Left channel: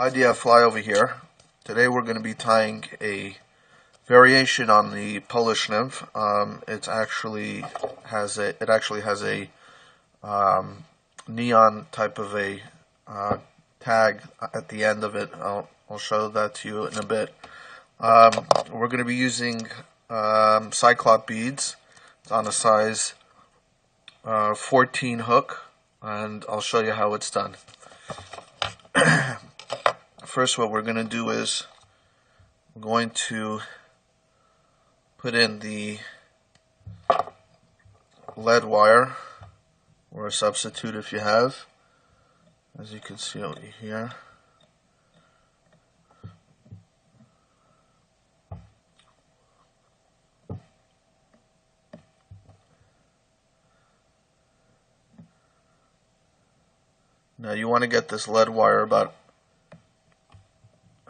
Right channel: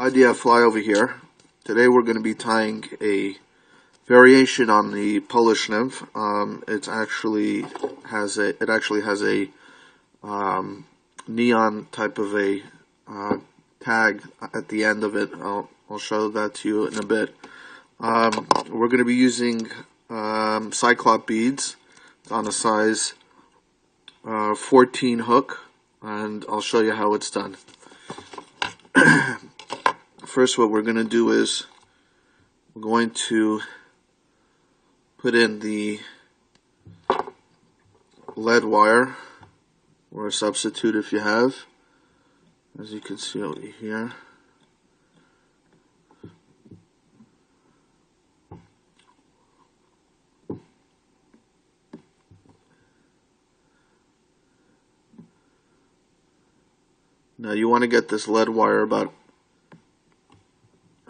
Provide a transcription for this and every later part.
Idea fly over here. Today we're going to be tying a variation on the Polish nymph. It actually has a neon type of a tag at the end of it. I'll show that to you in a bit. We're going to be using cyclop beads. It's on a size 14 hook, and I'll show you how it's done. First, what we're going to do is we're going to put in the lead wire, or a substitute if you have, as you can see over here. Now you want to get this lead wire about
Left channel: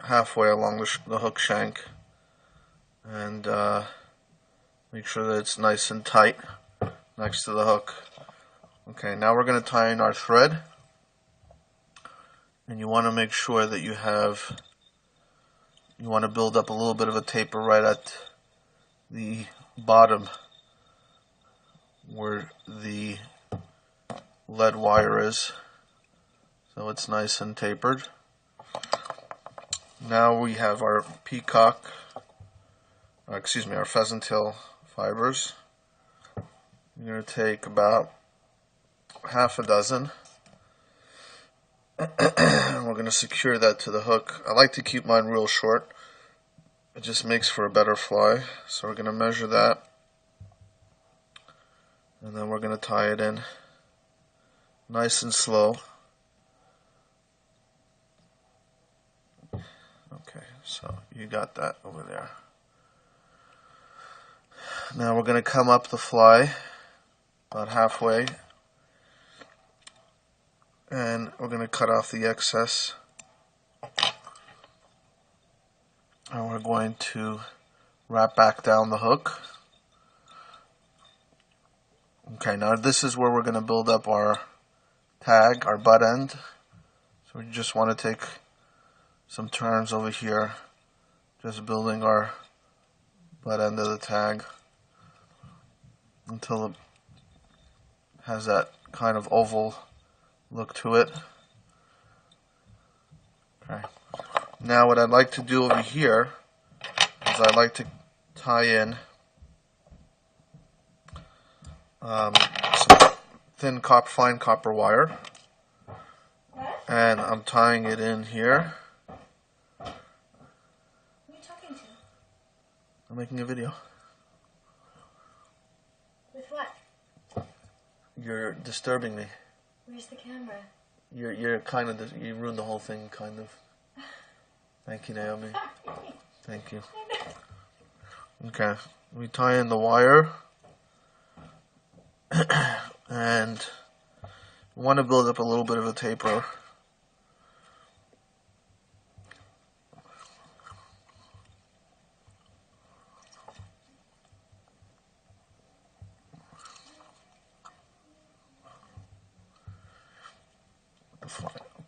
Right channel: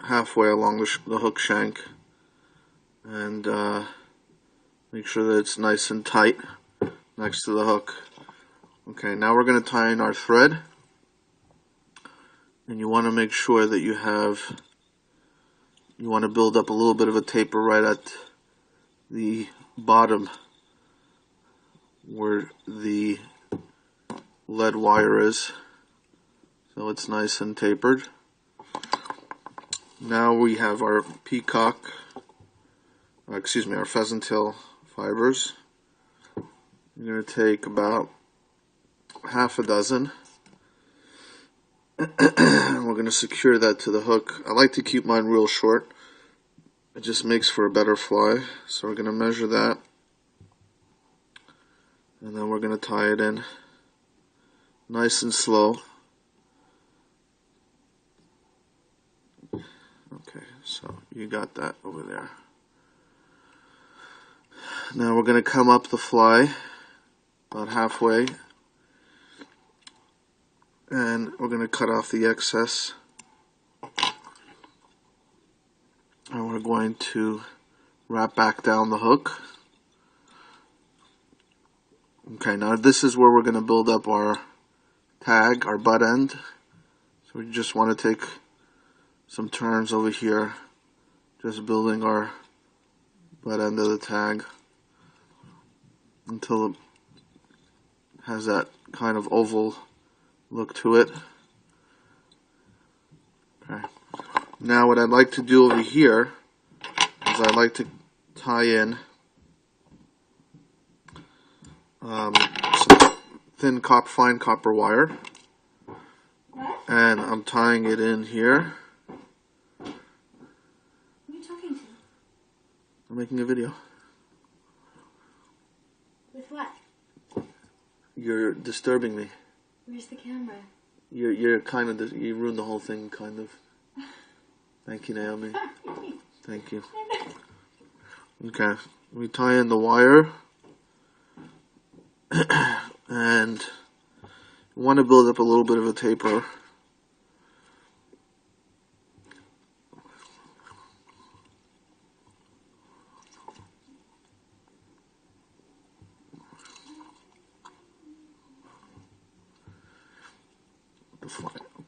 halfway along the hook shank, and make sure that it's nice and tight next to the hook. Okay, now we're going to tie in our thread, and you want to make sure that you want to build up a little bit of a taper right at the bottom where the lead wire is, so it's nice and tapered. Now we have our our pheasant tail fibers. You're going to take about half a dozen. We're going to secure that to the hook. I like to keep mine real short. It just makes for a better fly. So we're going to measure that, and then we're going to tie it in nice and slow. Okay, so you got that over there. Now we're going to come up the fly about halfway, and we're going to cut off the excess, and we're going to wrap back down the hook. Okay, now this is where we're going to build up our tag, our butt end. So we just want to take some turns over here, just building our butt end of the tag until it has that kind of oval look to it. Okay. Now what I'd like to do over here is I'd like to tie in some thin fine copper wire, and I'm tying it in here. Who are you talking to? I'm making a video. With what? You're disturbing me. Where's the camera? You're kind of, you ruined the whole thing, kind of. Thank you, Naomi. Thank you. Okay, we tie in the wire, and you want to build up a little bit of a taper.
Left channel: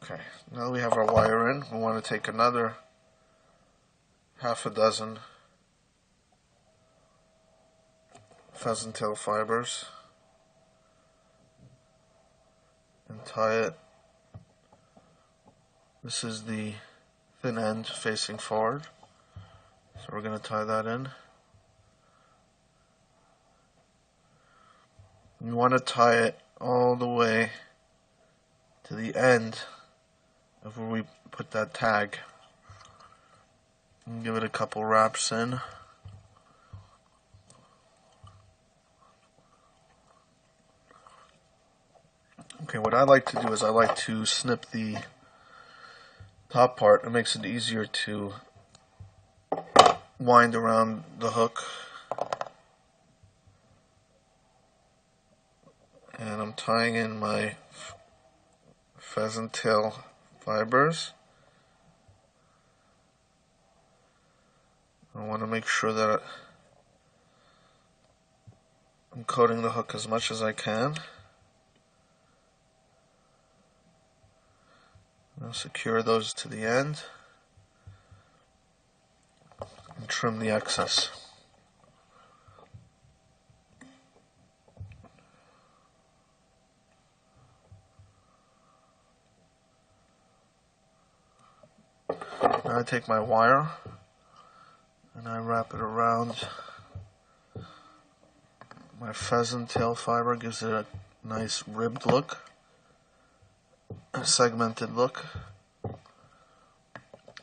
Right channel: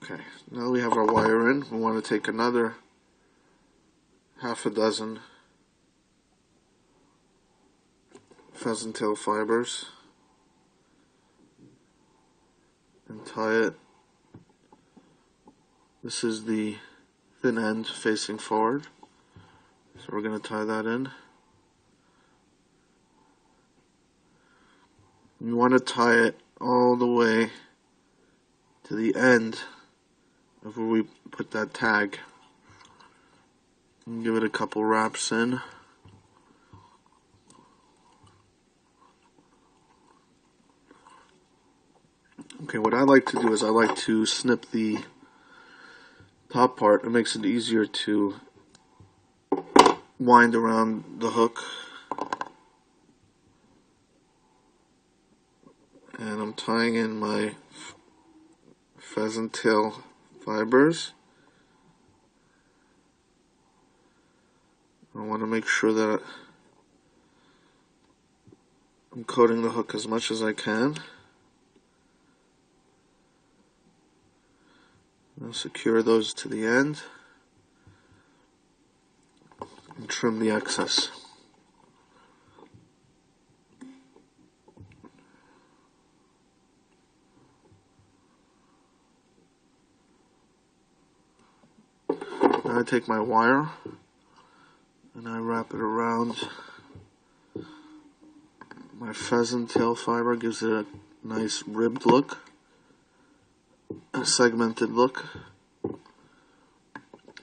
Okay, now we have our wire in. We want to take another half a dozen pheasant tail fibers and tie it. This is the thin end facing forward, so we're going to tie that in. You want to tie it all the way to the end of where we put that tag, and give it a couple wraps in. Okay, what I like to do is I like to snip the top part. It makes it easier to wind around the hook. And I'm tying in my pheasant tail fibers. I want to make sure that I'm coating the hook as much as I can. I'll secure those to the end and trim the excess. Now I take my wire and I wrap it around my pheasant tail fiber. Gives it a nice ribbed look, a segmented look, and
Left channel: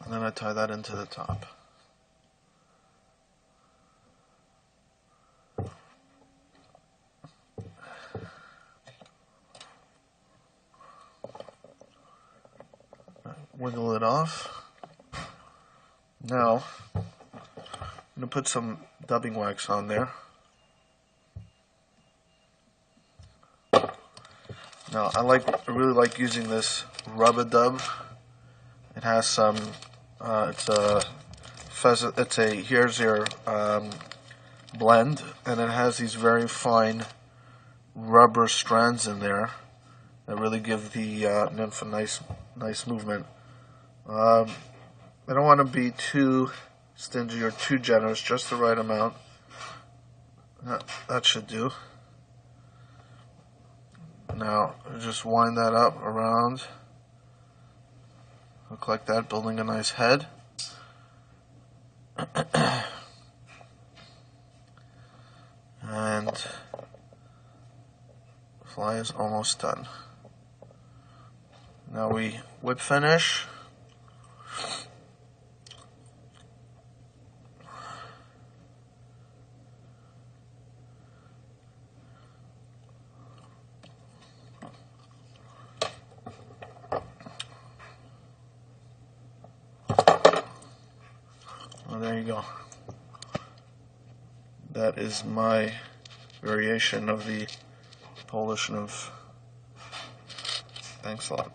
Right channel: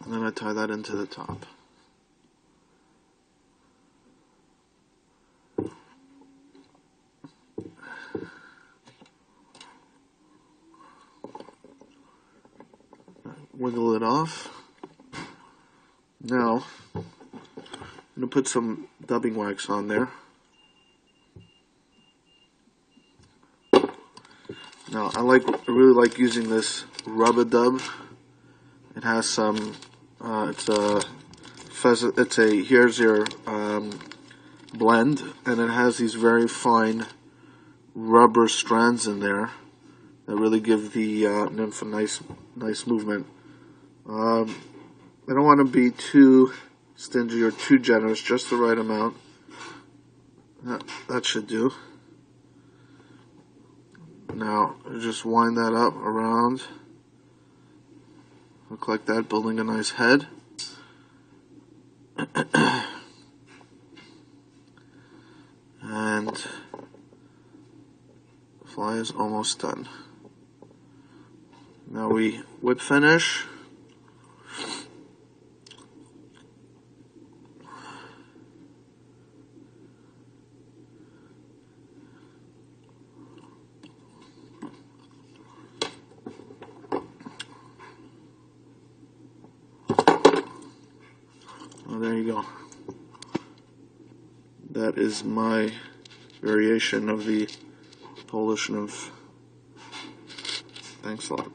then I tie that into the top. Wiggle it off. Now I'm going to put some dubbing wax on there. Now I really like using this Rub-A-Dub. It has some it's a here's your blend, and it has these very fine rubber strands in there that really give the nymph a nice movement. I don't want to be too stingy or too generous, just the right amount. That should do. Now just wind that up around, look like that, building a nice head. And the fly is almost done. Now we whip finish. Well, there you go. That is my variation of the Polish nymph. Thanks a lot.